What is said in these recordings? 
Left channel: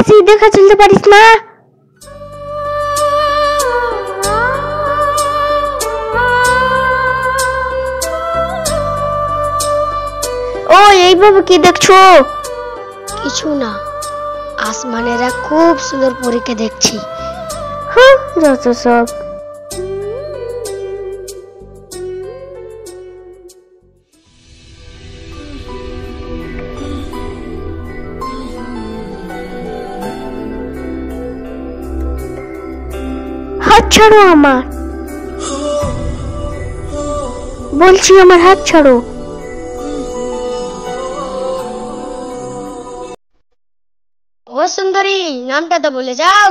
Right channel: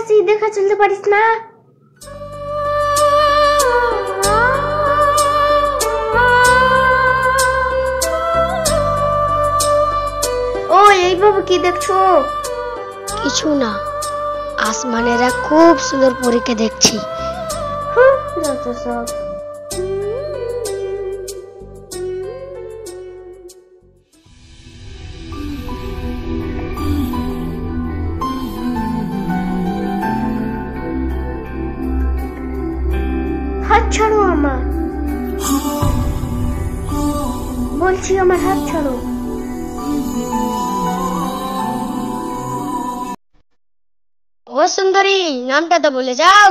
আছি, দেখা চলতে পারিস না? ও এইভাবে কি দেখছো? কিছু না, আসমানেরা খুব সুন্দর পরীকে দেখছি। যত সব। হাত ছাড়ো আমার, বলছি আমার হাত ছাড়ো। ও সুন্দরী, নামটা তো বলে যাও।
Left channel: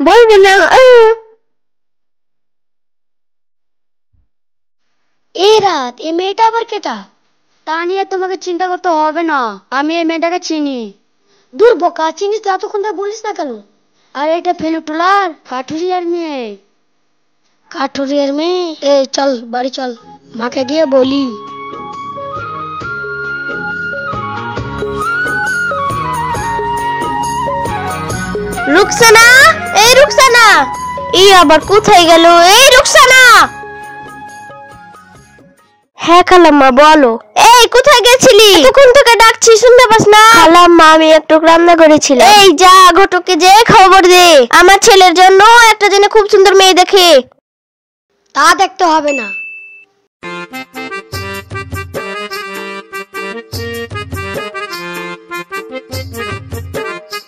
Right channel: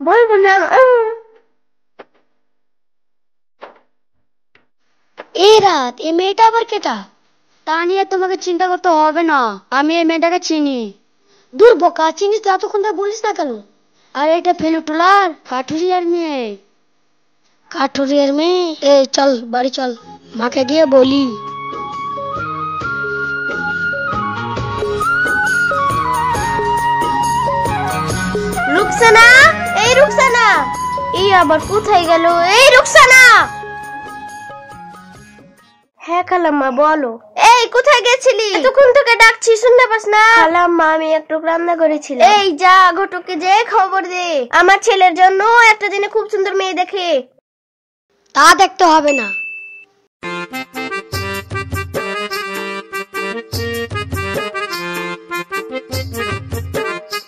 বলবো না। এই রাত, এই মেয়েটা আবার কেটা? তা নিয়ে তোমাকে চিন্তা করতে হবে না, আমি এই মেয়েটাকে চিনি। দূর বোকা, চিনিস তো এতক্ষণ ধরে বলিস না কেন? আর এটা ফেলুটুলার কাঠুরিয়ার মেয়ে। কাঠুরিয়ার মেয়ে? এই চল বাড়ি চল, মাকে গিয়ে বলি। রুকসানা, এই রুকসানা, এই আবার কোথায় গেল? এই রুকসানা। হ্যাঁ খালাম্মা বলো। এই কোথায় গেছিলি? এতক্ষণ থেকে ডাকছি, শুনতে পাস না? খালাম্মা আমি একটু রান্না করেছিলাম। এই যা ঘটককে যে খবর দে, আমার ছেলের জন্য একটা জেনে খুব সুন্দর মেয়ে দেখে। তা দেখতে হবে না।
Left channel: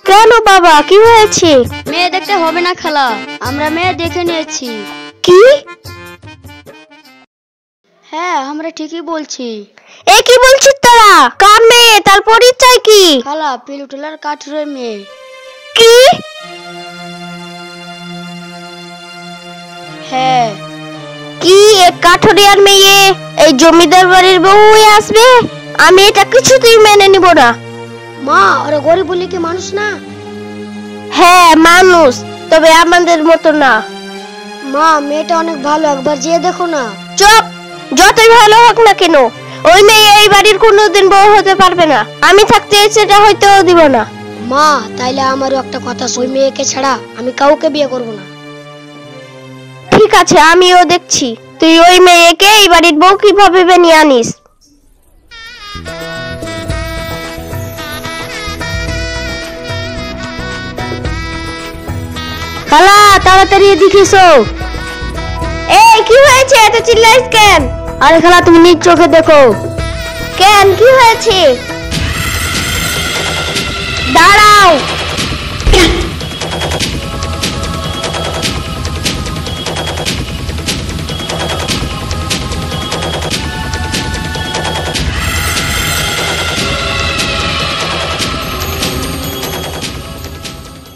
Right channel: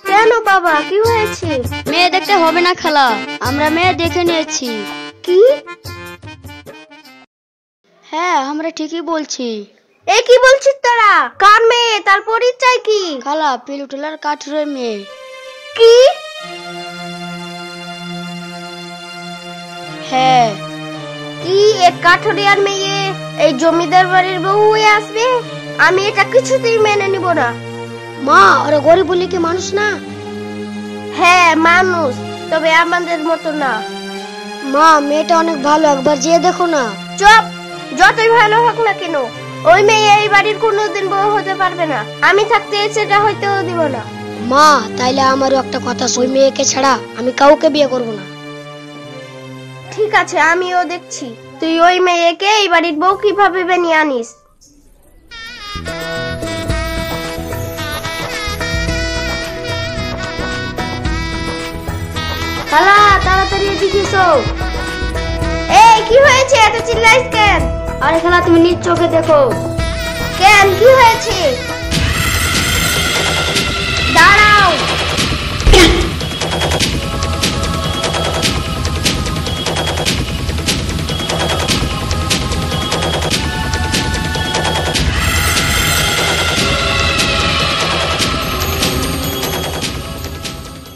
কেন বাবা, কি হয়েছে? মেয়ে দেখতে হবে না খালা, আমরা মেয়ে দেখে নিয়েছি। কি? হ্যাঁ, আমরা ঠিকই বলছি। এ কি বলছিস তোরা? কার মেয়ে? তার পরিচয় কি? খালা, পিলুটুলার কাঠুরের মেয়ে। কি? হ্যাঁ। কি এক কাঠুরিয়ার মেয়ে এই জমিদার বাড়ির বউ হয়ে আসবে? আমি এটা কিছুতেই মেনে নিব না। মা, ওরা গরিব বলে কি মানুষ না? হ্যাঁ মানুষ, তবে আমাদের মতো না। মা, মেয়েটা অনেক ভালো, একবার যেয়ে দেখো না। চুপ, যতই ভালো হোক না কেন ওই মেয়ে এই বাড়ির কোনোদিন বউ হতে পারবে না। আমি থাকতে সেটা হয়তো দিব না। মা, তাইলে আমারও একটা কথা, ওই মেয়েকে ছাড়া আমি কাউকে বিয়ে করব না। ঠিক আছে, আমিও দেখছি তুই ওই মেয়েকে এই বাড়ির বউ কিভাবে বানিয়ে আনিস। খালা তাড়াতাড়ি এদিকে এসো। এই কি হয়েছে, এত চিল্লাইস কেন? আরে খালা তুমি নিজ চোখে দেখো। কেন, কি হয়েছে? দাঁড়াও।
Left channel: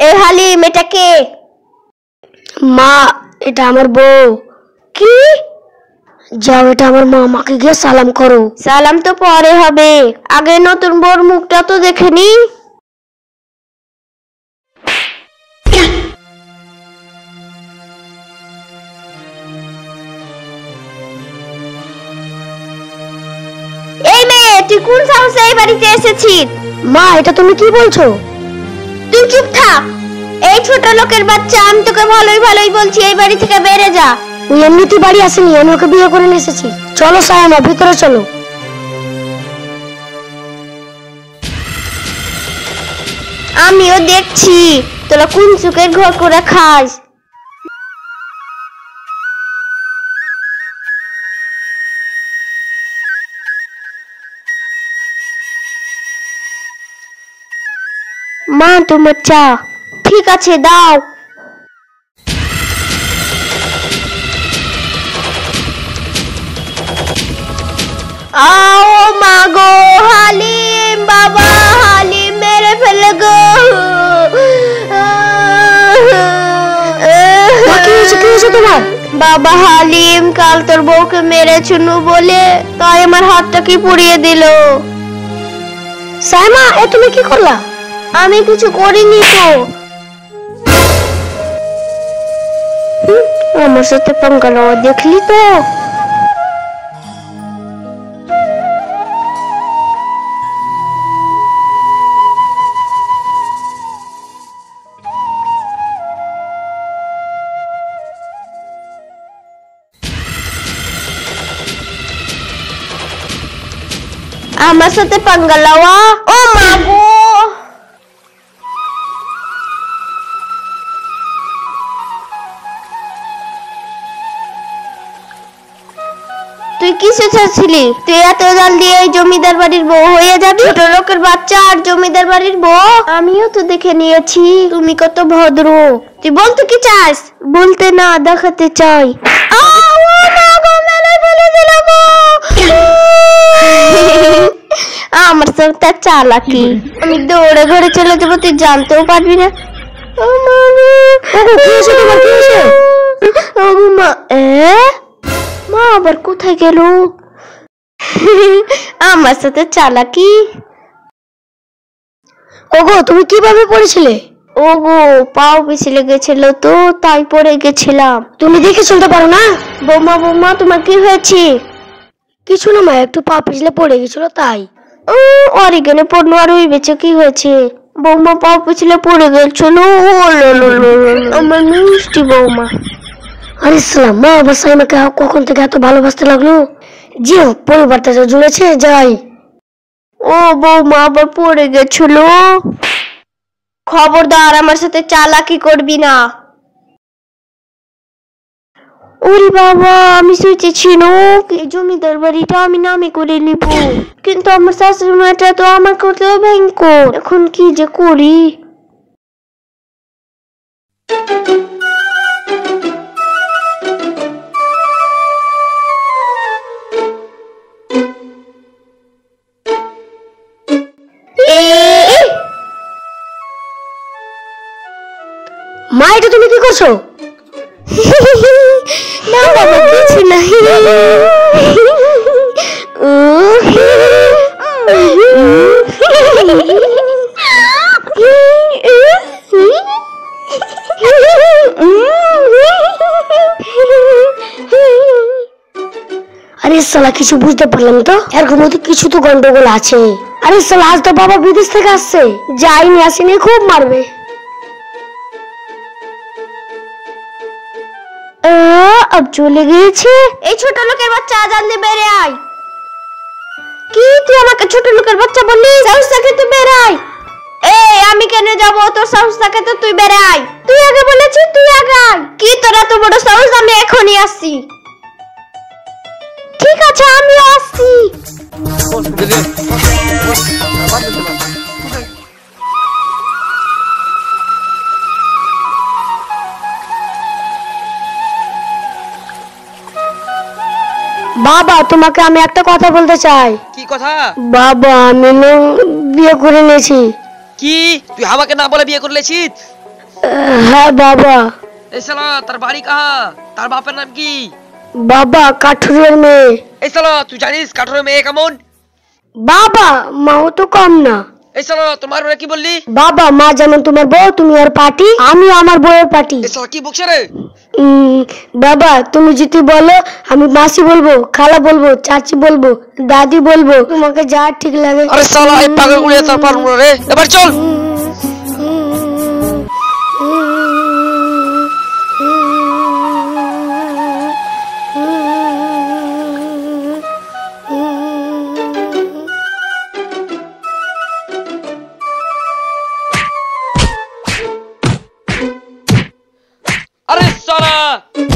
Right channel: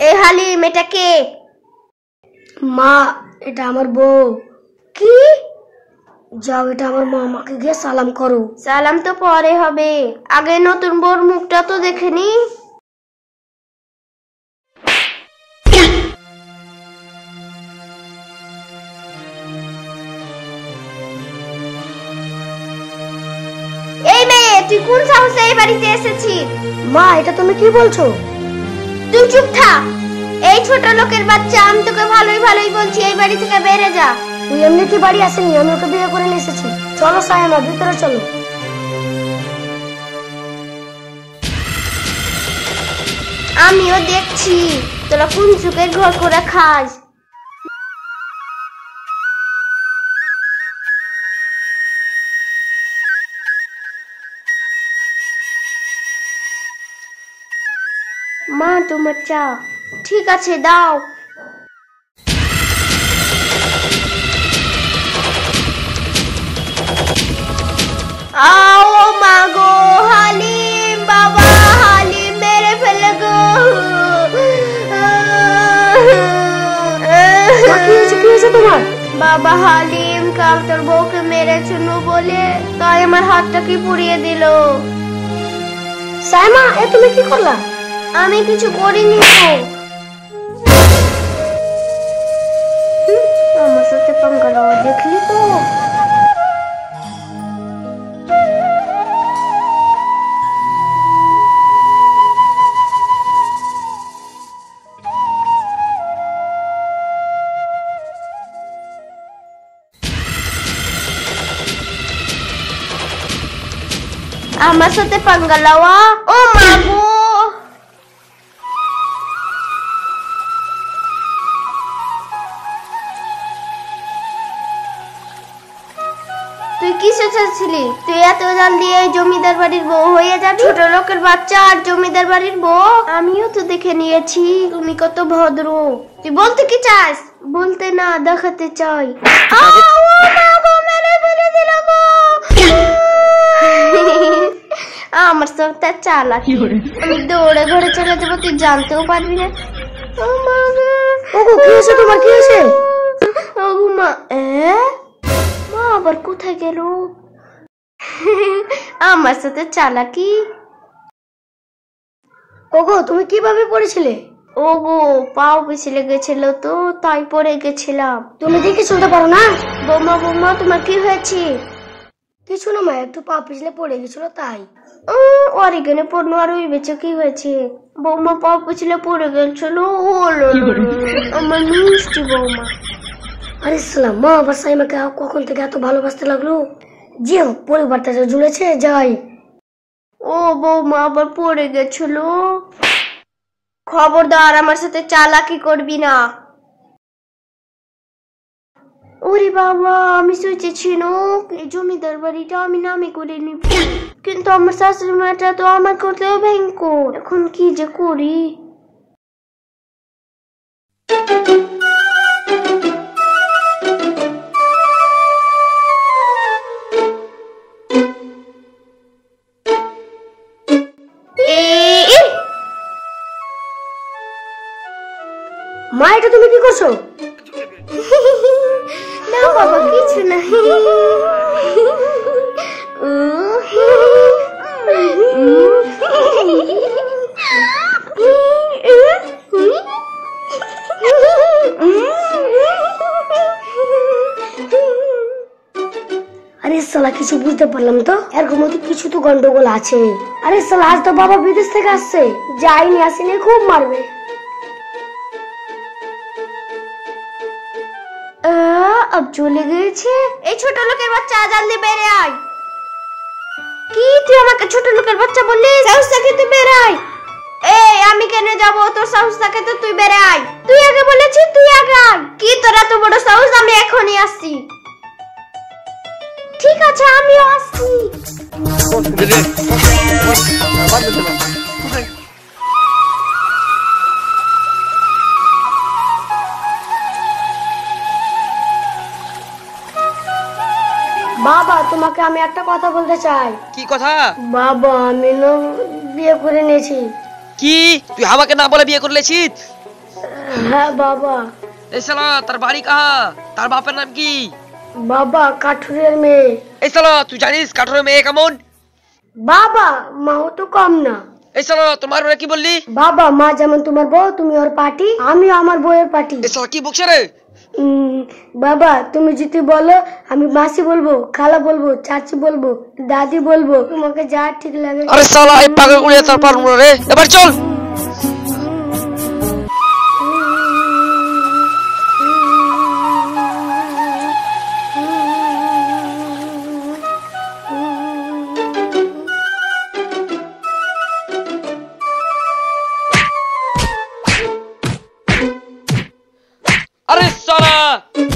এই হালিম, এটা কে? মা, এটা আমার বউ। কি? যাও, এটা আমার মা, মাকে গিয়ে সালাম করো। সালাম তো পরে হবে, আগে নতুন বউর মুখটা তো দেখে নি। এই মেয়ে, তুই কোন সাহসে এই বাড়িতে এসেছিস? মা, এটা তুমি কি বলছো? তুই চুপ থাক। এই ছোট লোকের বাচ্চা, আমি তোকে ভালোই ভালোই বলছি এই বাড়ি থেকে বেরে যা। এমনিতে বাড়ি আসেনি, আমি ওকে বিয়ে করে নিয়ে এসেছি। চলো সায়মা, ভিতরে চলো। আমিও দেখছি তোরা কোন চুকে ঘর করে খাস। মা তোমার চা। ঠিক আছে দাও। आओ मागो हालिम, बाबा हालिम मेरे फैल गो। बाबा हालिम কাল তোর বউকে মেরে চুনু বলে তাই আমার হাতটা কি পুড়িয়ে দিল। সাইমা, এ তুমি কি করলা? আমি কিছু করিনি তো। আমার সাথে पंगा লওয়া দেখলি তো। আমার সাথে পাঙ্গা লওয়া। ও মা গো, তুই কিসে চাচ্ছিলি? তুই এত জলদি এই জমিদার বাড়ির বউ হয়ে যাবি? ছোট লোকের বাচ্চা আর জমিদার বাড়ির বউ? আমিও তো দেখে নিয়েছি তুমি কত ভদ্র। তুই বলতে কি চাস? বলতে না, দেখাতে চাই। আমার সব তার চালাকি। আমি দৌড়ে ঘরে চলে যাবো, তুই জানতেও পারবি না। মা আবার কোথায় গেল? আমার সাথে চালাকি। ওগো তুমি কিভাবে পড়েছিলে? ওগো পাও পিছলে গেছিল তো, তাই পড়ে গেছিলাম। তুমি দেখে চলতে পারো না? বৌমা বৌমা, তোমার কি হয়েছে? কিছু না মা, একটু পা পিছলে পড়ে গেছিল তাই। আর এখানে পড়লো আর ওই বেঁচে কি হয়েছে? বৌমা পাও পিছলে পড়ে গেছিল। আমার মিষ্টি বৌমা। আরে সালাম, মা আবার সাইমাকে কখন থেকে এত ভালোবাসতে লাগলো। জি পরিবারটা তো জুড়েছে, যাই। ও বৌমা আবার পড়ে গেছিল। খবরদার আমার সাথে চালাকি করবি না। ওরে বাবা, আমি সোচেছিল এই জমিদার বাড়িটা আমি নামে করে নিব, কিন্তু আমার শাশুড়ি মাটা তো আমার কথা ভয়ঙ্কর। এখন কি যে করি? মা এটা তুমি কি করছো? না বাবা, কিছু নাই। আরে সালা কিছু বুঝতে পারলাম তো, এর মধ্যে কিছু তো গন্ডগোল আছে। আরে সালা আজ তো বাবা বিদেশ থেকে আসছে, যাইনি আসেনি খুব মারবে। अब চলে গিয়েছে। এই ছোট লোকের বাচ্চা, জলদি বেরে আয়। কি তুই আমাকে ছোট লোকের বাচ্চা বললি? সাহস থাকে তুই বেরে আয়। এই আমি কেন যাব? তোর সাহস থাকে তো তুই বেরে আয়। তুই আগে বলেছিস, তুই আগে আয়। কি তোর এত বড় সাহস? আমি এখনই আসছি। ঠিক আছে, আমি আসছি। বাবা তোমাকে আমি একটা কথা বলতে চাই। কি কথা? বাবা আমি বিয়ে করে নিয়েছি। কি তুই আমাকে না বলে বিয়ে করে লেছিস? হ্যাঁ বাবা। এই শালা তার বাড়ি কাহা? তার বাপের নাম কি? বাবা কাঠুরের মেয়ে। এই শালা তুই জানিস কাঠুরের মেয়ে কেমন? বাবা মাও তো কম না। এই শালা তোমার ওরা কি বললি? বাবা মা যেমন তোমার বউ, তুমি আর পার্টি, আমি আমার বউয়ের পার্টি। এই শালা কি বকছে রে? বাবা তুমি যদি বলো আমি মাসি বলবো, খালা বলবো, চাচি বলবো, দাদি বলবো, তোমাকে যা ঠিক লাগে। আরে শালা এই পাগল গুলিয়ে তার পারবো না রে, এবার চল। আরে শালা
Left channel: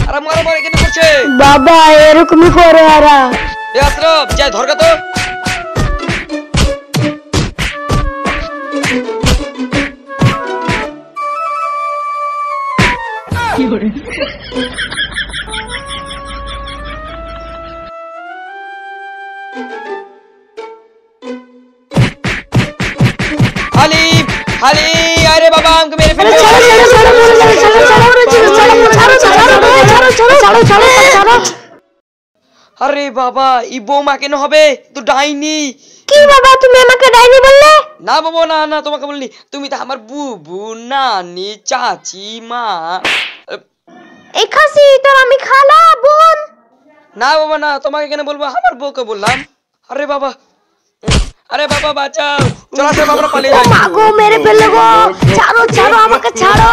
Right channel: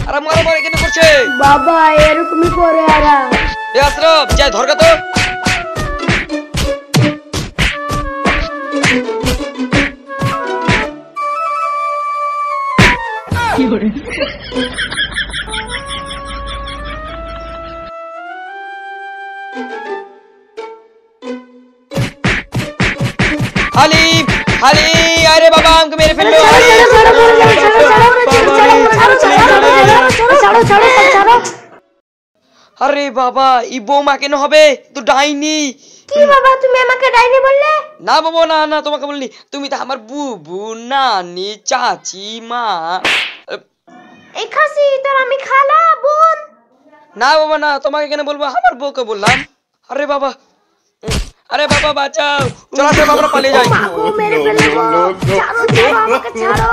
আরে মারা মারা কেন করছে? বাবা এরকমই করে এরা। এ আশরাফ যাই ধরকা তো। কি করে? হালিম হালি, আরে বাবা আমাকে মেরে ফেললো। আরে বাবা এই বৌমা কেন হবে? তো ডাইনি। কি বাবা তুমি আমাকে ডাইনি বললে? না বাবা না না, তোমাকে বলিনি। তুমি তো আমার বুবু, নানি, চাচি, মা। এই খাসি তোর আমি খালা বোন। না বাবা না, তোমাকে কেন বলবো? আমার বউকে বললাম। আরে বাবা, আরে বাবা বাঁচাও, চলো আমরা পালিয়ে যাই। গো মেরে ফেললো গো, ছাড়ো ছাড়ো আমাকে ছাড়ো।